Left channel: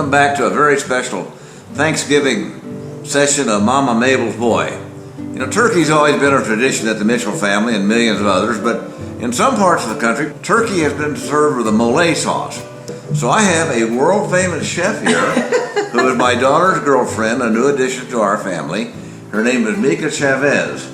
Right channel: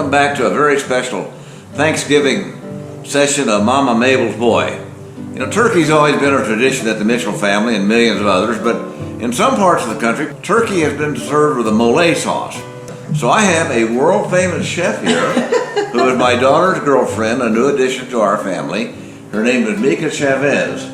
welcome back to a very special Thanksgiving session of Mama Mabel's Boy. You know, turkey's always been a tradition at the Mitchell family and millions of others, but in some parts of the country, turkey has been served with a Molé sauce. So I have a world-famous chef here who is my daughter's girlfriend, a new addition to our family. Her name is Mica Chavez.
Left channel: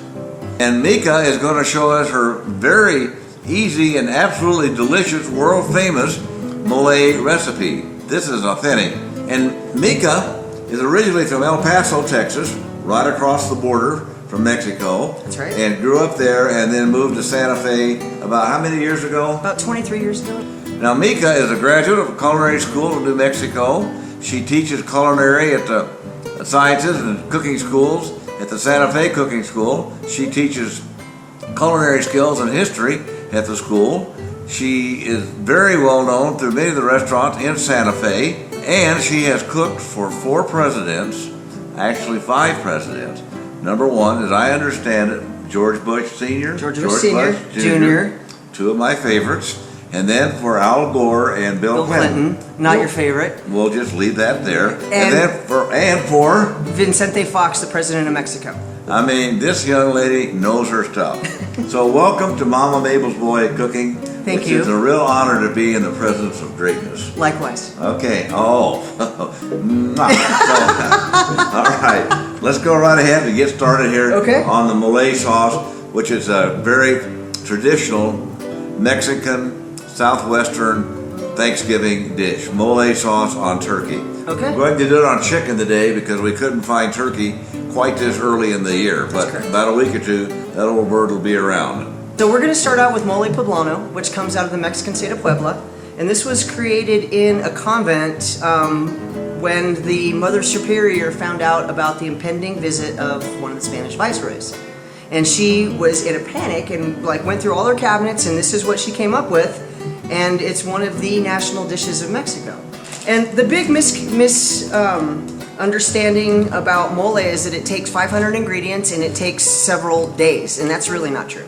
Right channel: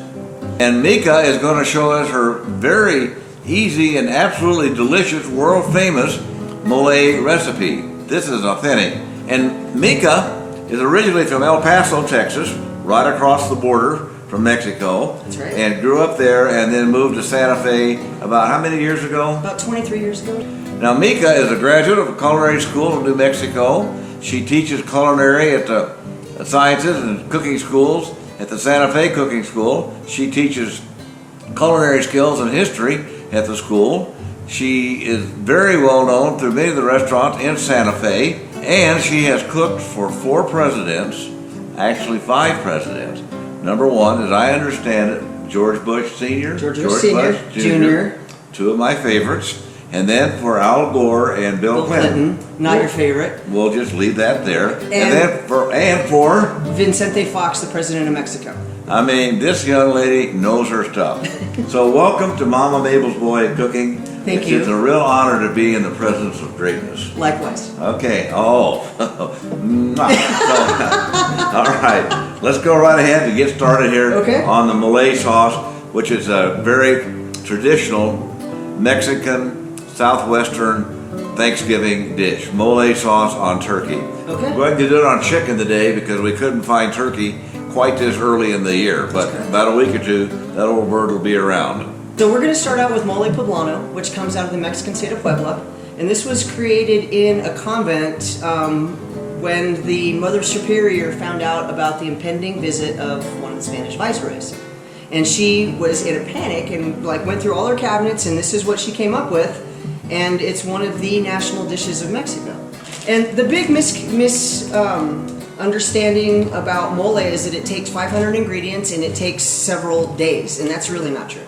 And Mica is going to show us her very easy and absolutely delicious, world-famous Molé recipe. This is authentic. And Mica is originally from El Paso, Texas, right across the border from Mexico. That's right. And grew up there and then moved to Santa Fe about how many years ago? About 23 years ago. Now, Mica is a graduate of a culinary school in New Mexico. She teaches culinary at the sciences and cooking schools at the Santa Fe Cooking School. She teaches culinary skills and history at the school. She is very well known through many of the restaurants in Santa Fe, and she has cooked for 4 presidents, actually 5 presidents. Number 1, as I understand it, George Bush Sr., George Bush Sr., Jr., 2 of my favorites, and then for Al Gore and Bill Clinton. Not your favorite. We'll just leave that there. And then for Vicente Fox, the president of Mexico. I mean, this young lady knows her stuff. So welcome to Mama Mabel's Boy Cooking. Thank you. It's a real honor to be in the presence of greatness. Likewise. Okay. Oh. All right. Let's go right ahead and get started here on the Molé sauce, which is a very traditional Mexican Southwestern Thanksgiving dish. Molé sauce on turkey. Okay. We're going to do it on chicken today because we couldn't find turkey quite this early in the year, but about a week or two, that old bird will be around. So we're going to start out with mole poblano, which comes out of the Mexican state of Puebla. And this was created in a convent when the Mother Superior found out about the impending visit of one of the Spanish viceroys. And she was in a panic and went through all her cabinets, and this is what she came up with. And it's one of the national dishes of Mexico. And the big understanding about mole is that it takes 500 ingredients and it takes several days, and that's really not true.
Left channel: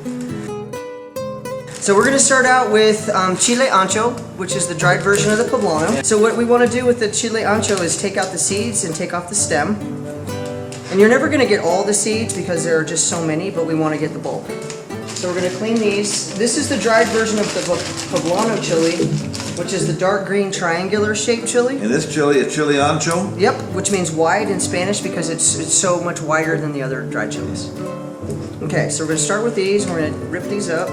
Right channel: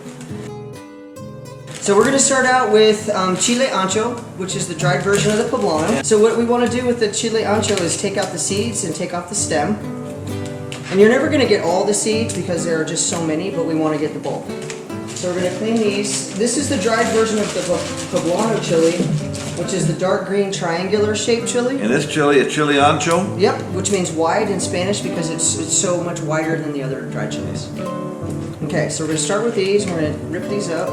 So we're going to start out with chile ancho, which is the dried version of the poblano. So what we want to do with the chile ancho is take out the seeds and take off the stem. And you're never going to get all the seeds because there are just so many, but we want to get the bulk. So we're going to clean these. This is the dried version of the poblano chili, which is the dark green triangular shaped chili. And this chili is chile ancho? Yep, which means wide in Spanish because it's so much wider than the other dried chilies. Okay, so we're going to start with these. We're going to rip these up.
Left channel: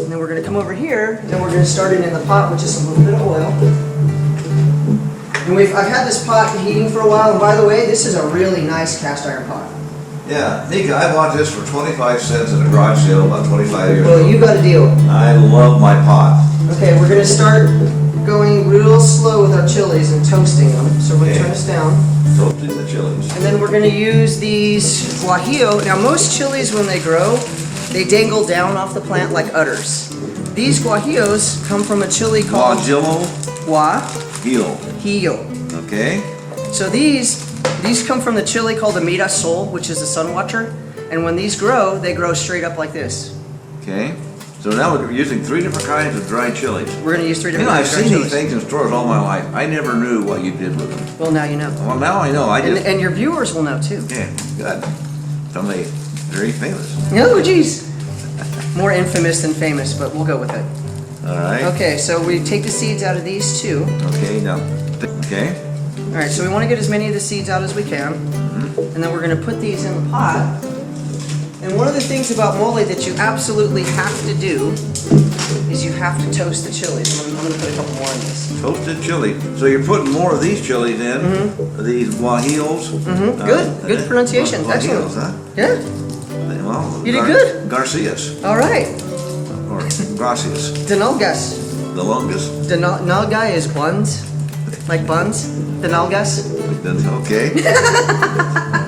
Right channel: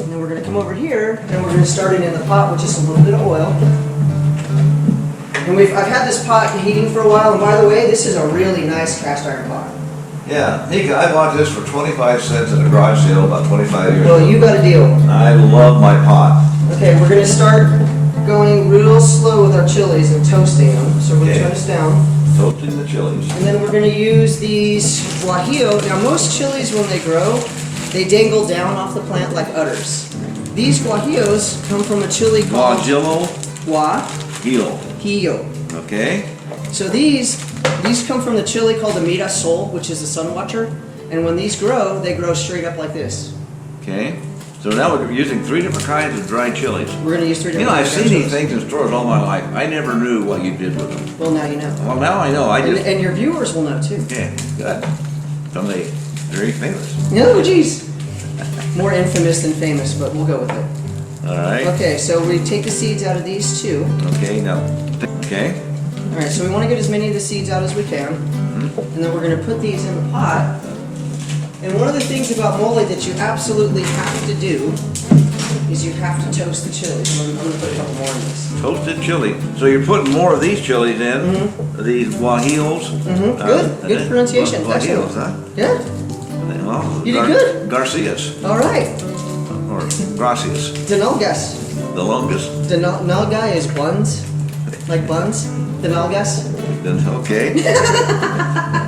And then we're going to come over here and we're going to start it in the pot with just a little bit of oil. And I've had this pot heating for a while, and by the way, this is a really nice cast iron pot. Yeah, Mica, I bought this for 25 cents at a garage sale about 25 years ago. Well, you got a deal. I love my pot. Okay, we're going to start going real slow with our chilies and toasting them. So we're going to turn this down. Toasting the chilies. And then we're going to use these guajillo. Now, most chilies, when they grow, they dangle down off the plant like udders. These guajillos come from a chili called guajillo. Okay. So these come from the chili called the Mirasol, which is the sun watcher. And when these grow, they grow straight up like this. Okay. So now we're using 3 different kinds of dried chilies. We're going to use 3 different I've kinds of seen dried these things in stores all my life. I never knew what you did with them. Well, now you know. Well, now I know. And your viewers will know too. Okay, good. Somebody very famous. No, geez. More infamous than famous, but we'll go with it. All right. Okay, so we take the seeds out of these too. Okay, now, okay. All right, so we want to get as many of the seeds out as we can. And then we're going to put these in the pot. And one of the things about mole that you absolutely have to do is you have to toast the chilies. I'm going to put a couple more in this. Toasted chili. So you're putting more of these chilies in, these guajillos. Good pronunciation. Guajillos, excellent. huh? Yeah. Well, you did good. Garcias. All right. Or gracias. Denalgas. The longest. Denalga is buns, like buns. Denalgas. Okay.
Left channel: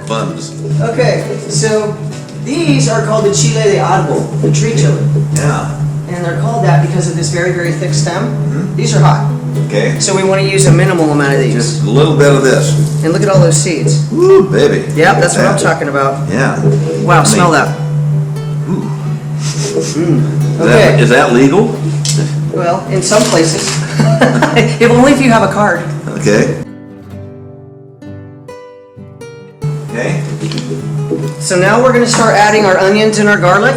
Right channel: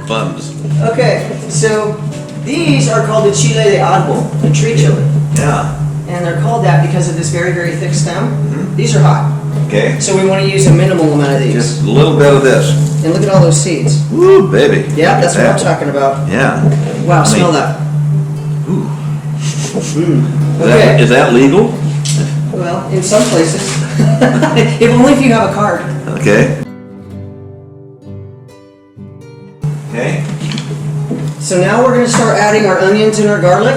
Buns. Okay, so these are called the chile de árbol, the tree chili. Yeah. And they're called that because of this very, very thick stem. These are hot. Okay. So we want to use a minimal amount of these. Just a little bit of this. And look at all those seeds. Ooh, baby. Yeah, that's what I'm talking about. Yeah. Wow, smell that. Ooh. Okay. Is that legal? Well, in some places. If only if you have a card. Okay. Okay. So now we're gonna start adding our onions and our garlic.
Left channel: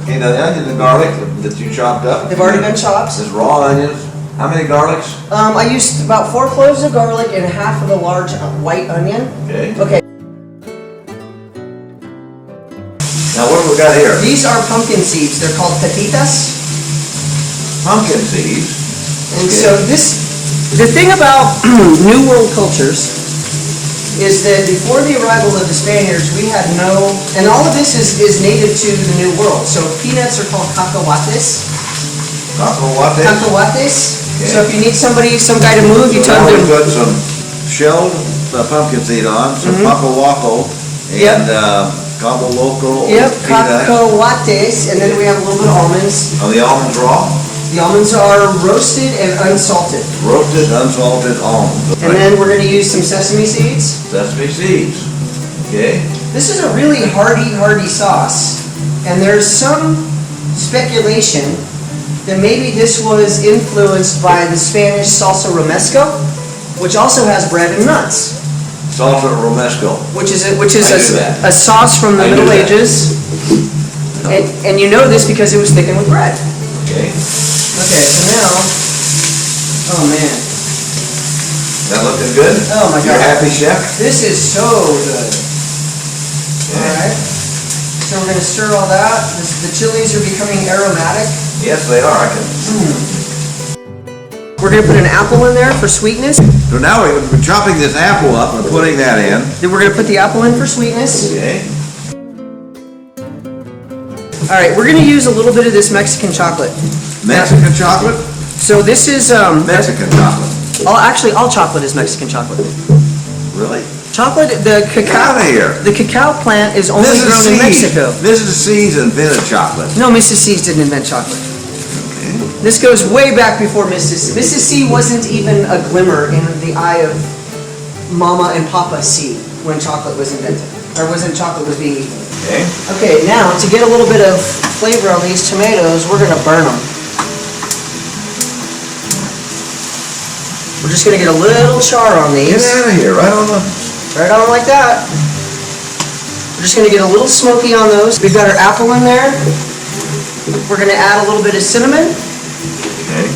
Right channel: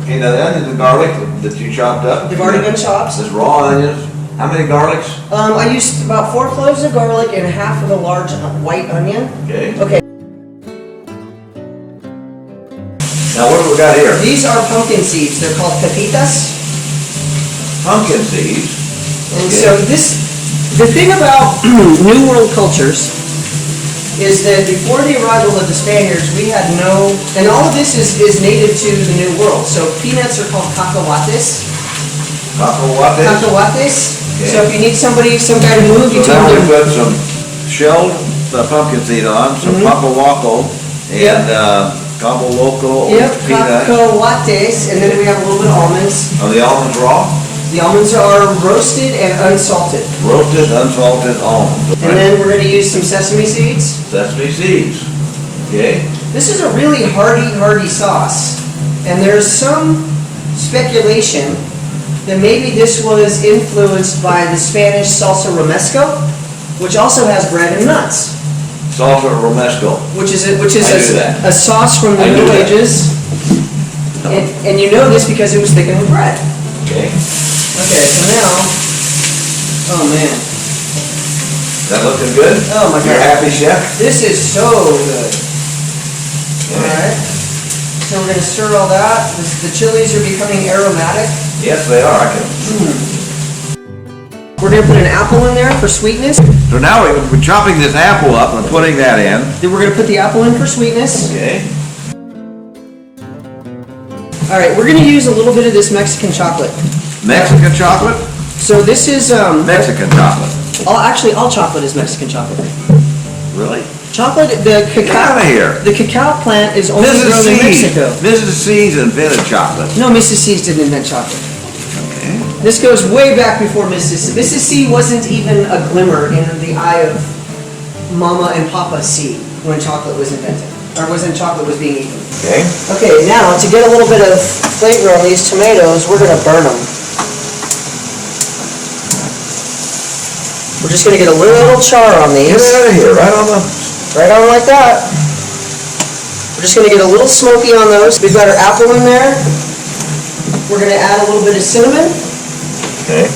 Okay, now the onions and garlic that you chopped up. They've already been chopped. This raw onions. How many garlics? I used about 4 cloves of garlic and half of a large white onion. Okay. Okay. Now what have we got here? These are pumpkin seeds. They're called pepitas. Pumpkin seeds. And Okay. so the thing about New World cultures is that before the arrival of the Spaniards, we had no, and all of this is native to the New World. So peanuts are called cacahuates. Cacahuates. Cacahuates. Okay. So if you need somebody, some guy to move, you So tell now we them. put some shelled pumpkin seed on, some papawaco, and cabo loco, Yep, peanuts. cacahuates, and then we have a little bit of almonds. Are the almonds raw? The almonds are roasted and unsalted. Roasted, unsalted almonds. And then we're going to use some sesame seeds. Sesame seeds. Okay. This is a really hearty sauce, and there's some speculation that maybe this was influenced by the Spanish salsa romesco, which also has bread and nuts. Salsa romesco. Which is I knew that. a sauce from the I knew Middle that. Ages, and you know this because it was thickened with bread. Okay. Okay, so now, oh man, That looking good? Oh my You're God. happy, chef? this is so good. All right, so we're gonna stir all that. The chilies are becoming aromatic. Yes, they are. I can. We're gonna put an apple in there for sweetness. So now we're chopping this apple up and putting that in. Then we're gonna put the apple in for sweetness. Okay. All right, we're gonna use a little bit of this Mexican chocolate. Mexican chocolate? So this is Mexican chocolate. all chocolate is Mexican chocolate. Really? Chocolate, the Get outta here. cacao, the cacao plant is only grown in Mexico. Mrs. C's invented chocolate. No, Mrs. C's didn't invent chocolate. Okay. This goes way back before Mrs. C. Mrs. C wasn't even a glimmer in the eye of Mama and Papa C when chocolate was invented, or chocolate was being eaten. Okay. Okay, now to get a little bit of flavor on these tomatoes, we're gonna burn them. We're just gonna get a little char on Get these. out of here, right on the... Right on like that. We're just gonna get a little smoky on those. We've got our apple in there. We're gonna add a little bit of cinnamon. Okay.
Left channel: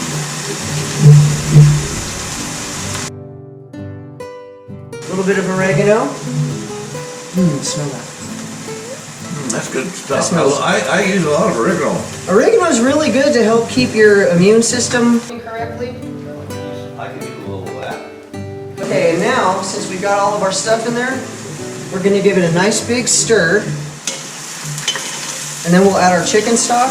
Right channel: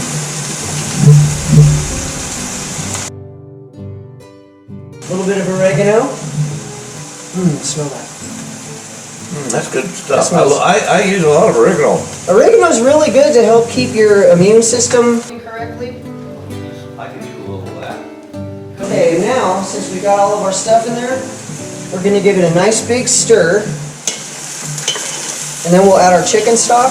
A little bit of oregano. Smell that. That's good That stuff. smells- I use a lot of oregano. Oregano is really good to help keep your immune system correctly. I can use a little of that. Okay, and now, since we've got all of our stuff in there, we're gonna give it a nice big stir. And then we'll add our chicken stock.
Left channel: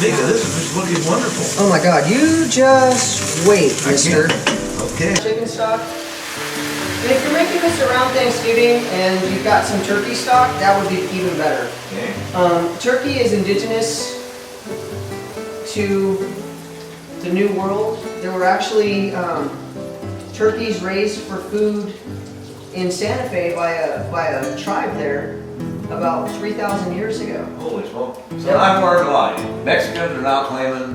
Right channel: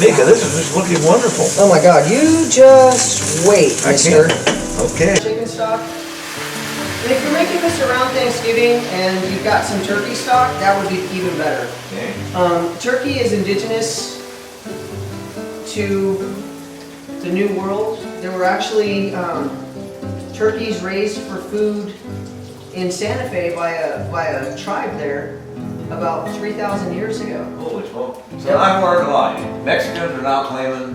Mica, this is just looking wonderful. Oh my God, you just wait, I mister. can't. Okay. Chicken stock. And if you're making this around Thanksgiving and you've got some turkey stock, that would be even better. Okay. Turkey is indigenous to the New World. There were actually turkeys raised for food in Santa Fe by a tribe there about 3,000 years ago. Holy smoke. So I've learned a lot. Mexicans are now claiming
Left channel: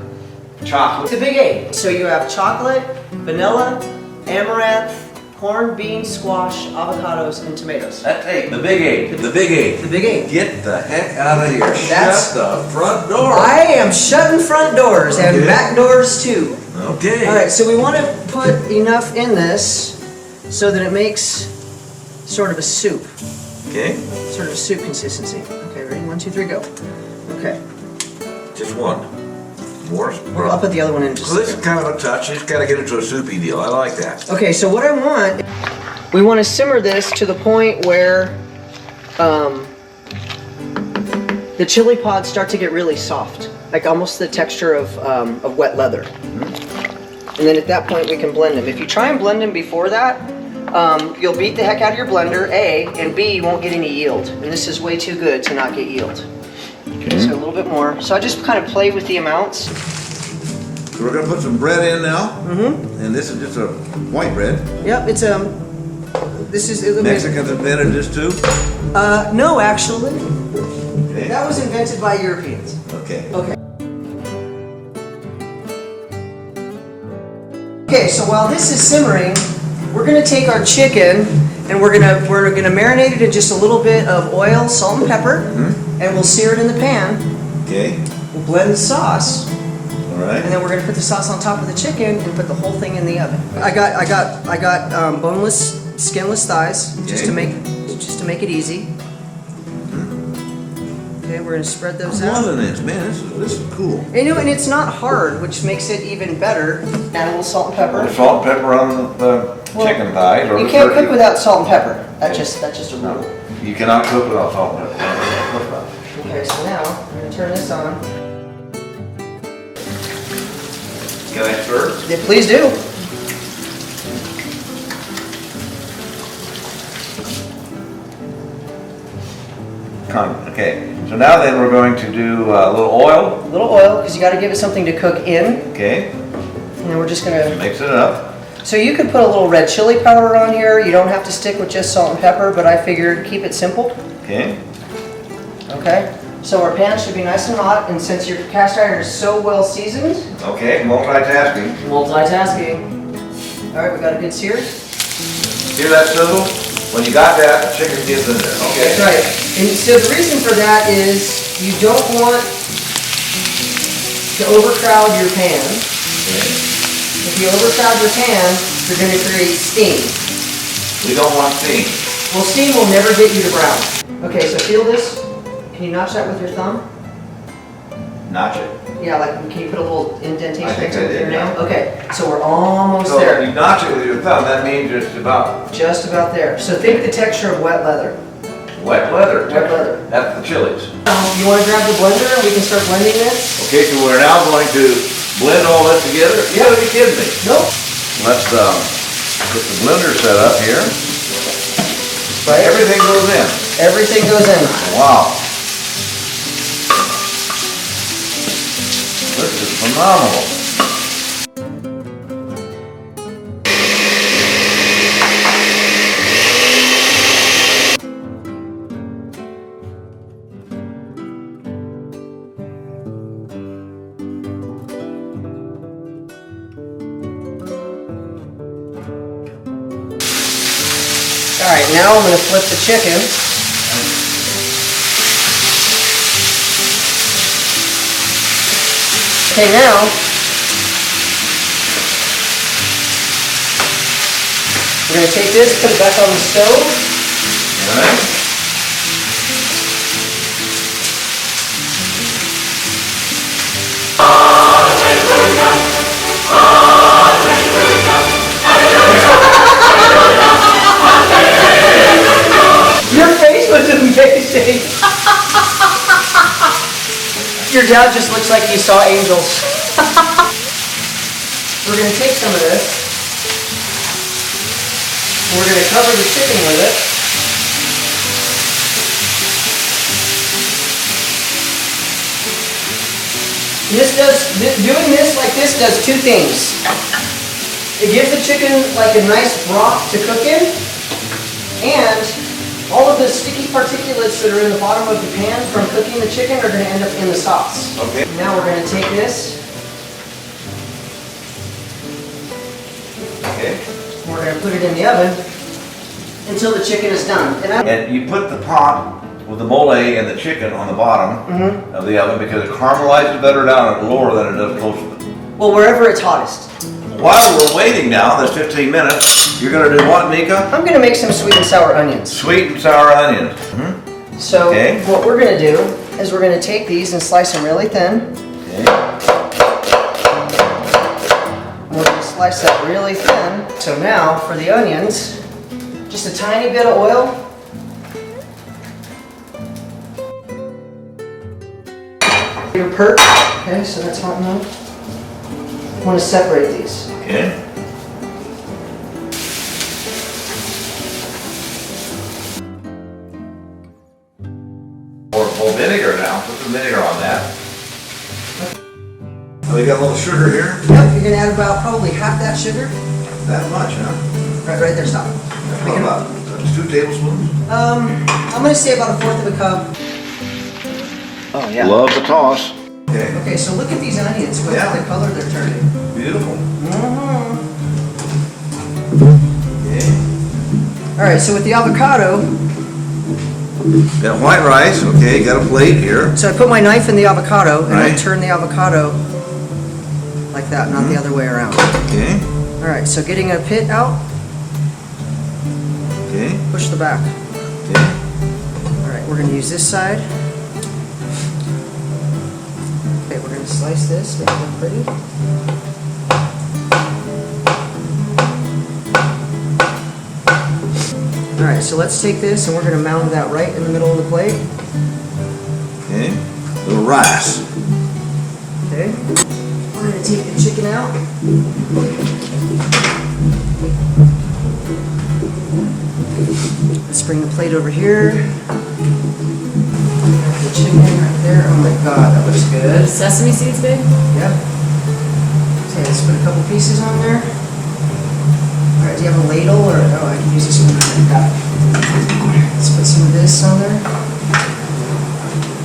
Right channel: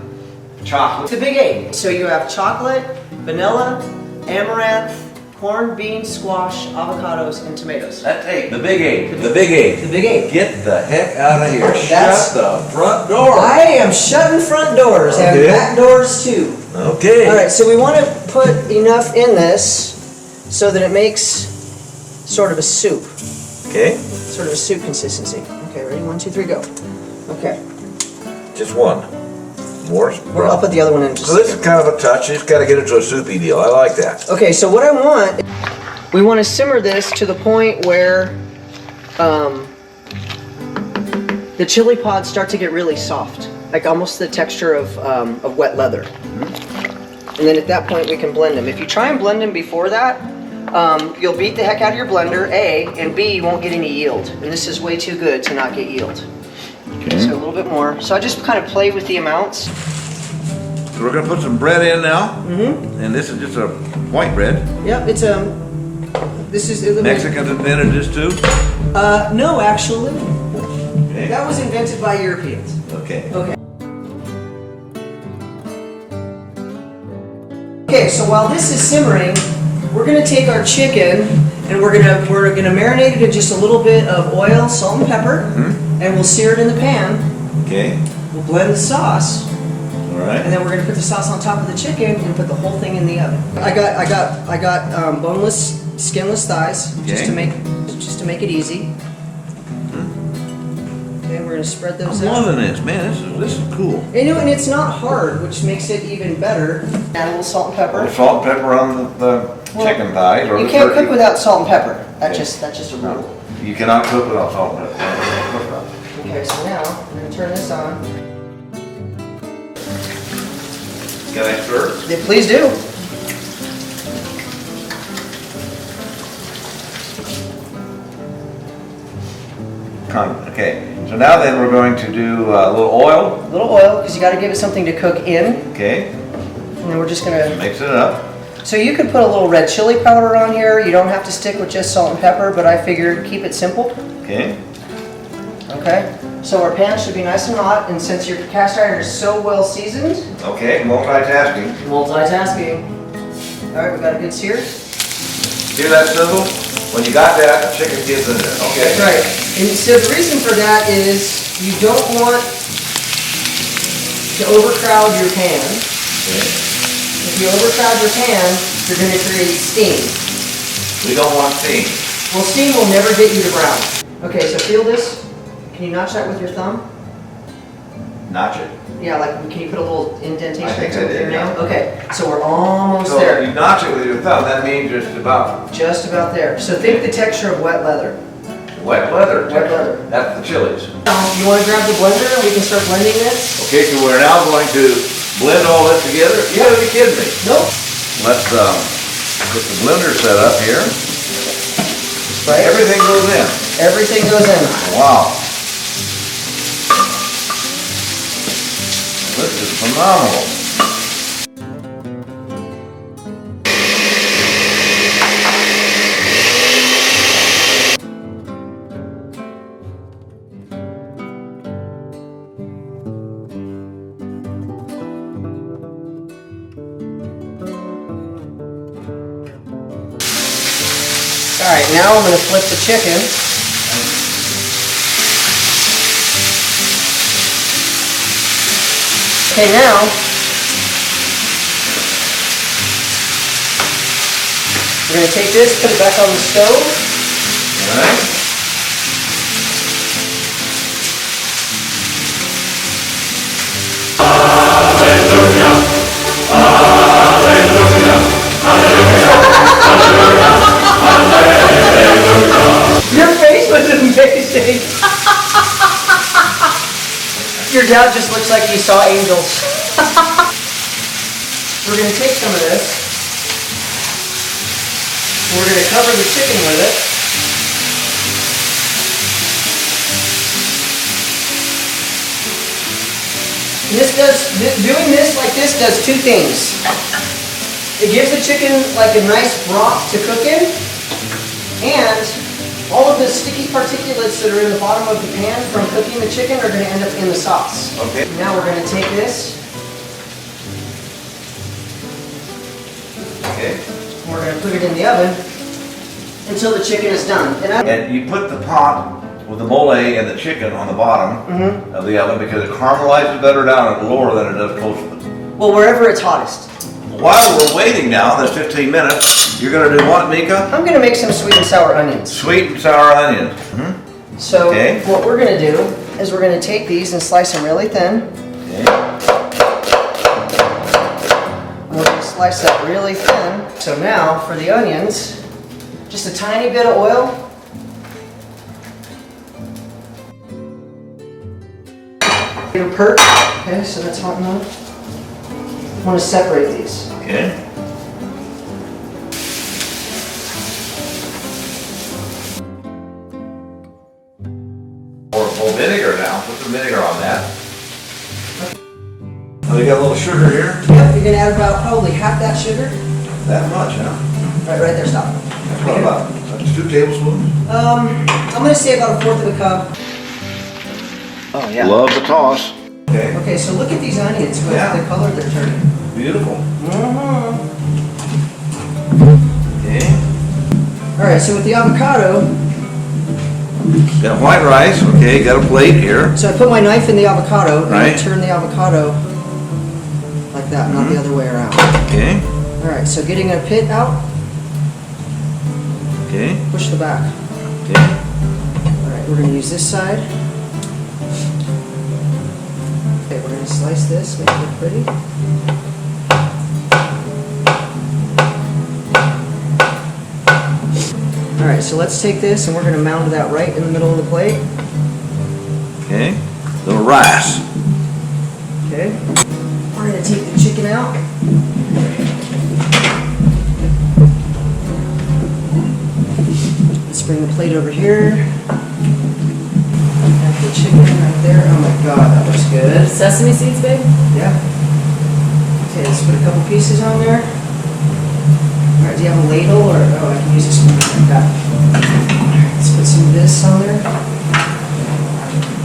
chocolate. It's a big eight. So you have chocolate, vanilla, amaranth, corn, beans, squash, avocados, and tomatoes. That's eight. The big eight. The big eight. The big eight. Get the heck out of here. That's- Shut the front door. I am shutting front doors and Okay. back doors too. Okay. All right, so we want to put enough in this so that it makes sort of a soup, Okay. sort of a soup consistency. Okay, ready? 1, 2, 3, go. Okay, Just one. More? I'll put the other one in just So a this is second. kind of a touch. You just got to get into a soupy deal. I like that. Okay, so what I want, we want to simmer this to the point where the chili pods start to get really soft, like almost the texture of wet leather. And then at that point we can blend them. If you try and blend them before that, you'll beat the heck out of your blender, A, and B, you won't get any yield. And this is way too good to not get yield. Okay. So a little bit more. So I just kind of play with the amounts. So we're going to put some bread in now. Mm-hmm. And this is just a white bread. Yep, it's this is Mexicans invented this too? no, actually. Okay. That was invented by Europeans. Okay. Okay. Okay, so while this is simmering, we're gonna take our chicken and we're gonna marinate it in just a little bit of oil, salt, and pepper, and we'll sear it in the pan. Okay. We'll blend the sauce, All right. and then we're gonna put the sauce on top of the chicken and put the whole thing in the oven. I got boneless, skinless thighs, just to make it easy. Okay, we're gonna spread those I'm out. loving this, man. This is cool. And it's not hard, which makes it even better. Add a little salt and pepper. Salt and pepper on the chicken thighs. Or You the can't turkey. cook without salt and pepper. That's just a rule. You cannot cook without salt and pepper. Okay, so now I'm gonna turn this on. Can I stir? Yeah, please do. Okay. So now then we're going to do a little oil. A little oil, because you got to give it something to cook in. Okay. And then we're just gonna Mix it up. So you could put a little red chili powder on here. You don't have to stick with just salt and pepper, but I figured keep it simple. Okay. Okay. So our pan should be nice and hot, and since your cast iron is so well seasoned, Okay. Multitasking. multitasking. All right, we got a good sear. Hear that sizzle? When you got that, the chicken gets in there. Okay. That's right. And so the reason for that is you don't want to overcrowd your pan. Okay. If you overcrowd your pan, you're going to create steam. We don't want steam. Well, steam will never get you to brown. Okay, so feel this. Can you notch that with your thumb? Notch it. Yeah, like can you put a little indentation I think into I it with your did, yeah. nail? Okay, so we're almost So there. you notch it with your thumb. That means it's about Just about there. So think the texture of wet leather. wet leather. Wet leather. That's the chilies. You want to grab the blender and we can start blending this? Okay, so we're now going to blend all this together. You gotta be kidding me. Nope. Let's get the blender set up here. Right? Everything goes in. Everything goes in. Wow. This is phenomenal. All right, now I'm going to flip the chicken. Okay, now we're going to take this, put it back on the stove. All right. Your face was amazing. Your dad just looks like he saw angels. We're going to take some of this. We're going to cover the chicken with it. Doing this like this does two things. It gives the chicken like a nice broth to cook in, and all of the sticky particulates that are in the bottom of the pan from cooking the chicken are going to end up in the sauce. Okay. Now we're going to take this, Okay. and we're going to put it in the oven until the chicken is done. And you put the pot with the Molé and the chicken on the bottom of the oven because it caramelizes better down at lower than it does closer. Well, wherever it's hottest. While we're waiting now, this 15 minutes, you're going to do what, Mica? I'm going to make some sweet and sour onions. Sweet and sour onions. So Okay. what we're going to do is we're going to take these and slice them really thin. Okay. We're going to slice that really thin. So now for the onions, just a tiny bit of oil. Your perk. Okay, so that's hot enough. I want to separate these. Okay. Pour vinegar now. Put some vinegar on that. Oh, you got a little sugar here? Yep, you're going to add about probably half that sugar. That much, huh? Right there, stop. What about 2 tablespoons? I'm going to say about a fourth of a cup. Oh yeah. Love the toss. Okay. Okay, so look at these onions with Yeah. the color they're turning. Beautiful. Mm-hmm. All right, so with the avocado, Got white rice, okay, got a plate here. so I put my knife in the avocado and I Right. turn the avocado like that, not the other way around. Okay, All right, so getting a pit out, okay, push the back. okay. All right, we're gonna use this side. Okay, we're gonna slice this, make it look pretty. All right, so let's take this and we're gonna mound that right in the middle of the plate. Okay, little rice. Okay. We're gonna take the chicken out. Let's bring the plate over here. Got the chicken right there. Oh my God, that looks good. Sesame seeds, babe? Yeah. Okay, let's put a couple pieces on there. All right, do you have a ladle or, oh, I can use this one right there. Got it. All right, let's put some of this on there.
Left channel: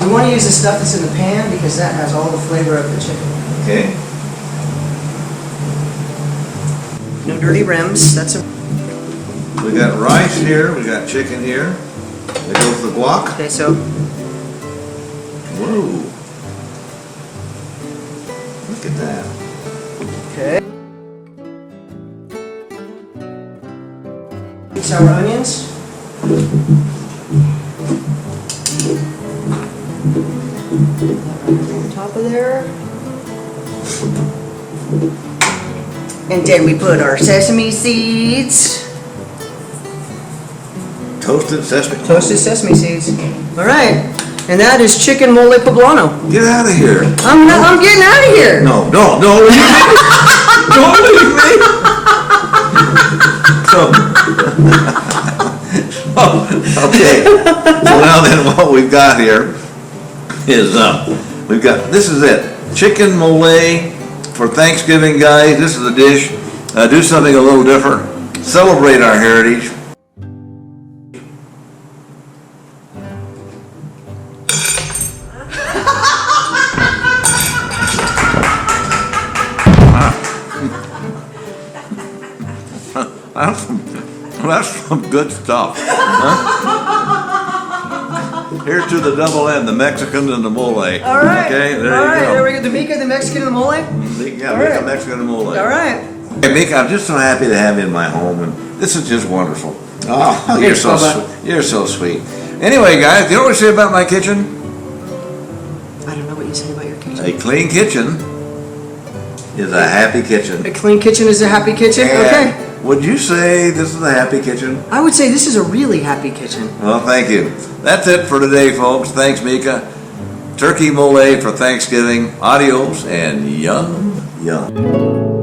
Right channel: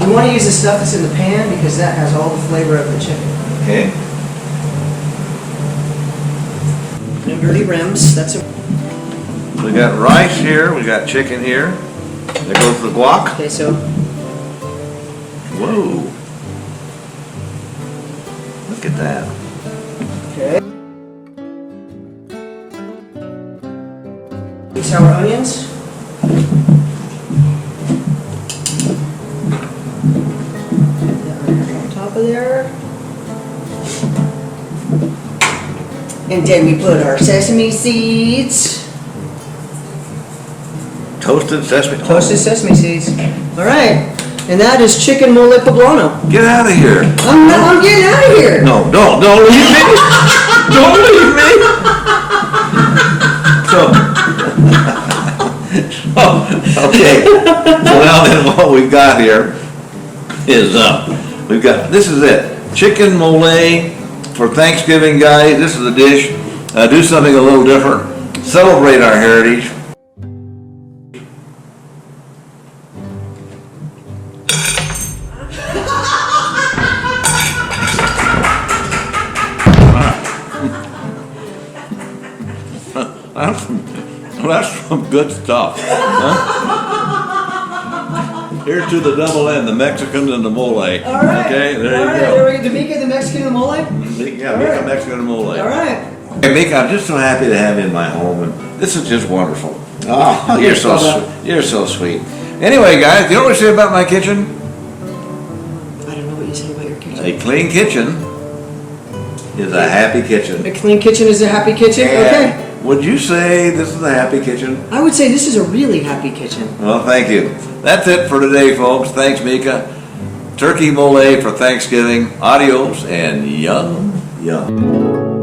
You want to use the stuff that's in the pan because that has all the flavor of the chicken. Okay, No dirty rims, that's a, we got rice here, we got chicken here. There goes the guac. okay, so, Whoa. Look at that. okay. Sour onions. That right on top of there. And then we put our sesame seeds. Toasted sesame. Toasted sesame seeds. All right. And that is chicken mole poblano. Get out of here. I'm getting out of here. No, don't leave me. Don't leave me. Okay. So now then what we've got here is, this is it. Chicken Molé for Thanksgiving, guys. This is a dish. Do something a little different. Celebrate our heritage. That's some good stuff. Huh? Here's to the double N, the Mexicans and the mole. All right. Okay, there All you right, go. there we go. The Mica, the Mexican, and the mole. Yeah, All Mica, right. Mexican and mole. All right. Hey, Mica, I'm just so happy to have you in my home, and this is just wonderful. Oh, you're so sweet. You're so sweet. Anyway, guys, you know what I say about my kitchen? I don't know what you say about your kitchen. A clean kitchen is a happy kitchen. A clean kitchen is a happy kitchen? Okay. And would you say this is a happy kitchen? I would say this is a really happy kitchen. Well, thank you. That's it for today, folks. Thanks, Mica. Turkey mole for Thanksgiving. Adios and yum, yum.